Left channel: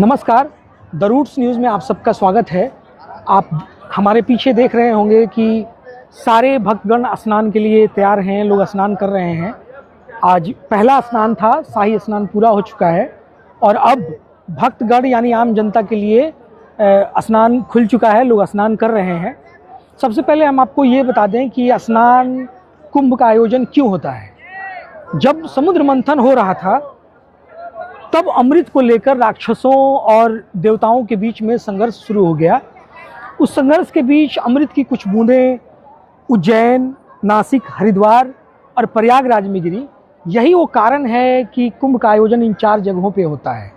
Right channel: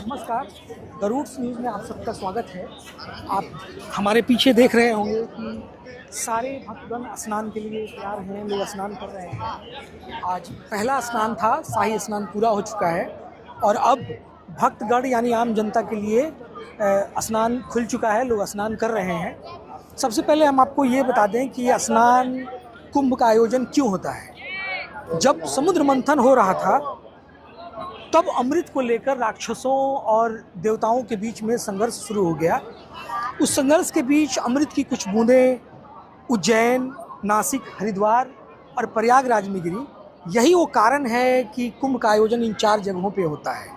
नमस्कार, the roots news में आप सबका स्वागत है। आप हमारे पीछे देख रहे होंगे कि सारे भक्तगण स्नान के लिए तैयार हैं, लोग स्नान कर रहे हैं। आज पहला स्नान था, शाही स्नान पूरा हो चुका है और अब भक्तगण यानी आम जनता के लिए स्नान खुल चुका है, लोग स्नान कर रहे हैं। सबसे पहले हम आपको ये बता दें कि स्नान कुंभ का आयोजन क्यों होता है। जब समुद्र मंथन हो रहा था तब अमृत को लेकर राक्षसों और देवताओं के बीच में संघर्ष शुरू हो गया। उस संघर्ष के बीच अमृत की कुछ बूंदें उज्जैन, नासिक, हरिद्वार और प्रयागराज में गिरी। यही वो कारण है कि कुंभ का आयोजन इन 4 जगहों पे होता है।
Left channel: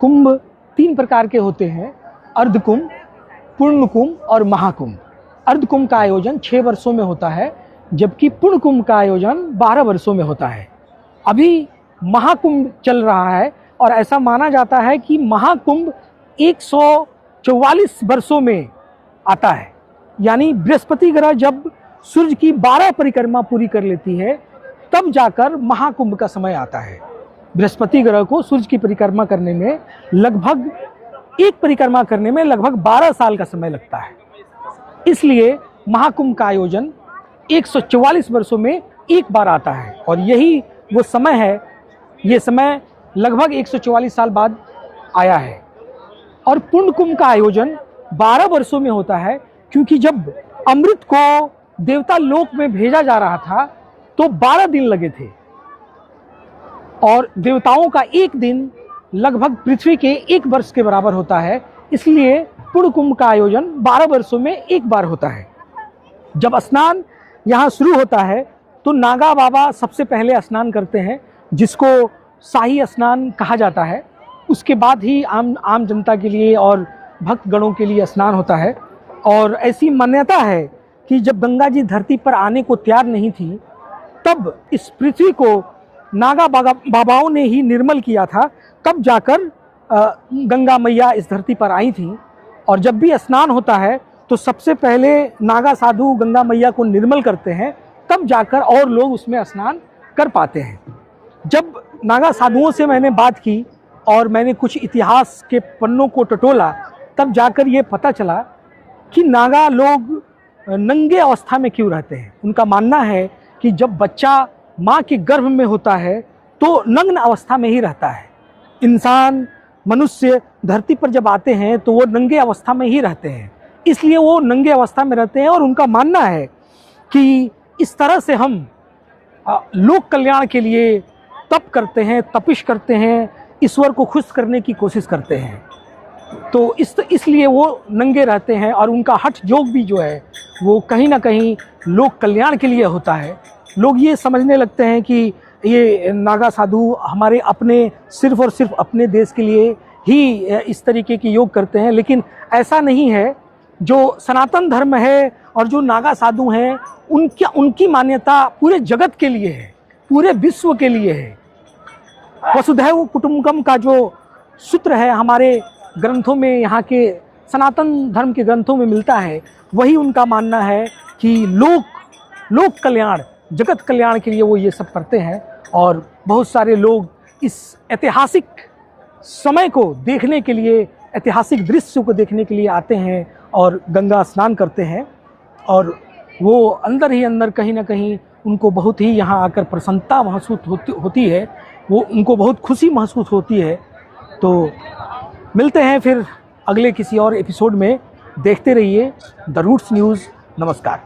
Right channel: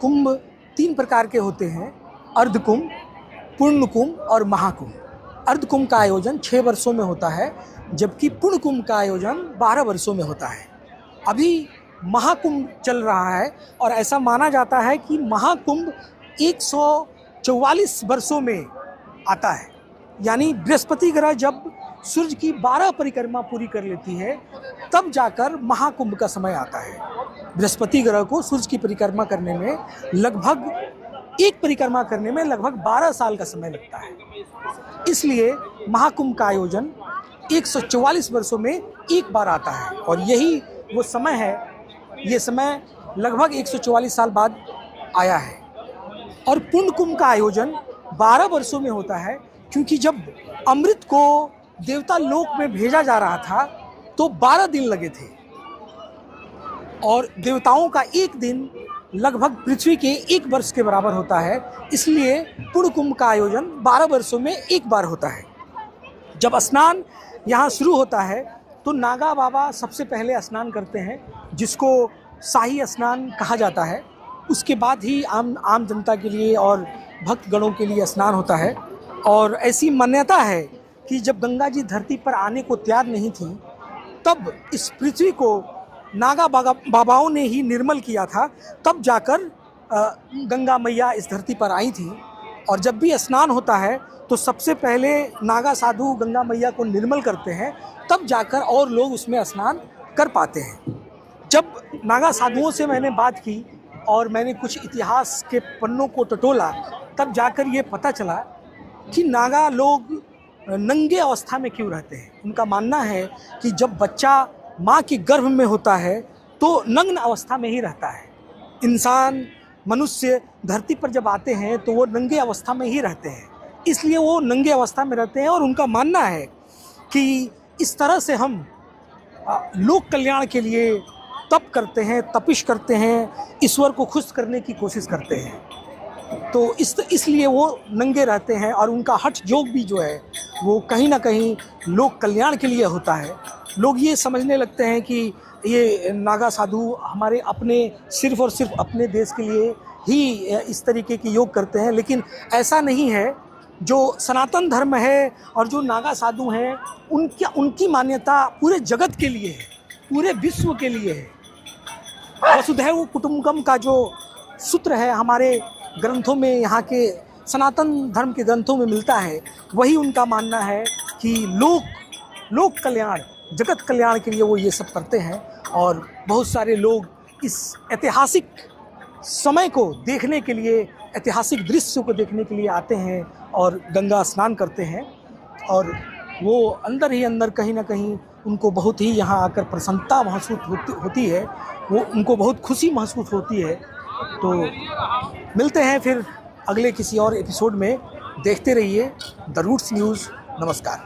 कुंभ 3 प्रकार के होते हैं, अर्ध कुंभ, पूर्ण कुंभ और महाकुंभ। अर्ध कुंभ का आयोजन 6 वर्षों में होता है, जबकि पूर्ण कुंभ का आयोजन 12 वर्षों में होता है। अभी महाकुंभ चल रहा है और ऐसा माना जाता है कि महाकुंभ 144 वर्षों में आता है। यानी बृहस्पति ग्रह जब सूर्य की 12 परिक्रमा पूरी कर लेती है तब जाकर महाकुंभ का समय आता है। बृहस्पति ग्रह को सूर्य की परिक्रमा करने में लगभग 12 साल का समय लगता है। इसलिए महाकुंभ का आयोजन 144 वर्षों में एक बार आता है और यही वो समय है। ये समय लगभग 144 साल बाद आया है। और पूर्ण कुंभ का आयोजन 12 वर्षों में होता है, क्योंकि जब अमृत को देवता लोक में भेजा जा रहा था तो 12 दिन लगे थे और देवताओं का एक दिन लगभग पृथ्वी के 1 वर्ष के बराबर होता है। इसलिए पूर्ण कुंभ का आयोजन 12 वर्षों में एक बार होता है। जब स्नान यहाँ शुरू होता है तो नागा बाबा सबसे पहले स्नान करते हैं, जिसको शाही स्नान कहा जाता है। उसके बाद ही आम जनता के लिए और भक्तगणों के लिए स्नान होता है। और ऐसी मान्यता है कि जब गंगा जी धरती पर आने को तैयार नहीं थी तब इस पृथ्वी को नागा बाबाओं ने ही निर्मल किया था, तब जाकर गंगा मैया इस धरती पर आई थी। और जब भी स्नान होता है तो सबसे पहले नागा साधु गंगा मैया को निर्मल करते हैं, तब जाकर और लोग उसमें स्नान कर पाते हैं। जब नागा साधुओं से मैंने बात की और मैंने कुछ इतिहास के पन्नों को टटोला, तब जाकर ये पता चला कि नागा लोग नंगे अवस्था में क्यों रहते हैं। उनका मानना है कि जब बच्चा माँ के गर्भ में होता है तो नग्न अवस्था में ही रहता है। इंसान, मनुष्य धरती पर जब आते हैं तो वो नंगे अवस्था में ही रहते हैं, इसलिए वो नंगे अवस्था में रहते हैं। और उनका मानना है कि इस तरह से हम लोक कल्याण के लिए तप करते हैं, तपिश करते हैं, ईश्वर को खुश करने की कोशिश करते हैं। तो इसलिए वो नंगे रहते हैं और उनका हठ योग भी जो है वो कहीं ना कहीं लोक कल्याण के लिए होता है। लोग ये समझने लगते हैं कि ये नागा साधु हमारे अपने सिर्फ और सिर्फ अपने देश के लिए ही इस तरीके की योग करते हैं, लेकिन ऐसा नहीं है। जो सनातन धर्म है और जो नागा साधु हैं उनकी मान्यता पूरे जगत के लिए है, पूरे विश्व के लिए है। वसुधैव कुटुंबकम का जो सूत्र है हमारे ग्रंथों में, यहाँ के सनातन धर्म के ग्रंथों में मिलता है, वही उनका मानना है कि लोक कल्याण, जगत कल्याण के लिए वो ये सब करते हैं। और बहुत सारे लोग इस ऐतिहासिक समय को देखने के लिए, ऐतिहासिक दृश्य को देखने के लिए आते हैं और गंगा स्नान करते हैं। और वो अंदर ही अंदर कहीं ना कहीं उनको बहुत ही यहाँ आकर प्रसन्नता महसूस होती है, वो उनको बहुत खुशी महसूस होती है। तो मिलते हैं फिर अगले किसी और एपिसोड में। देखते रहिए द रूट्स न्यूज़। नमस्कार।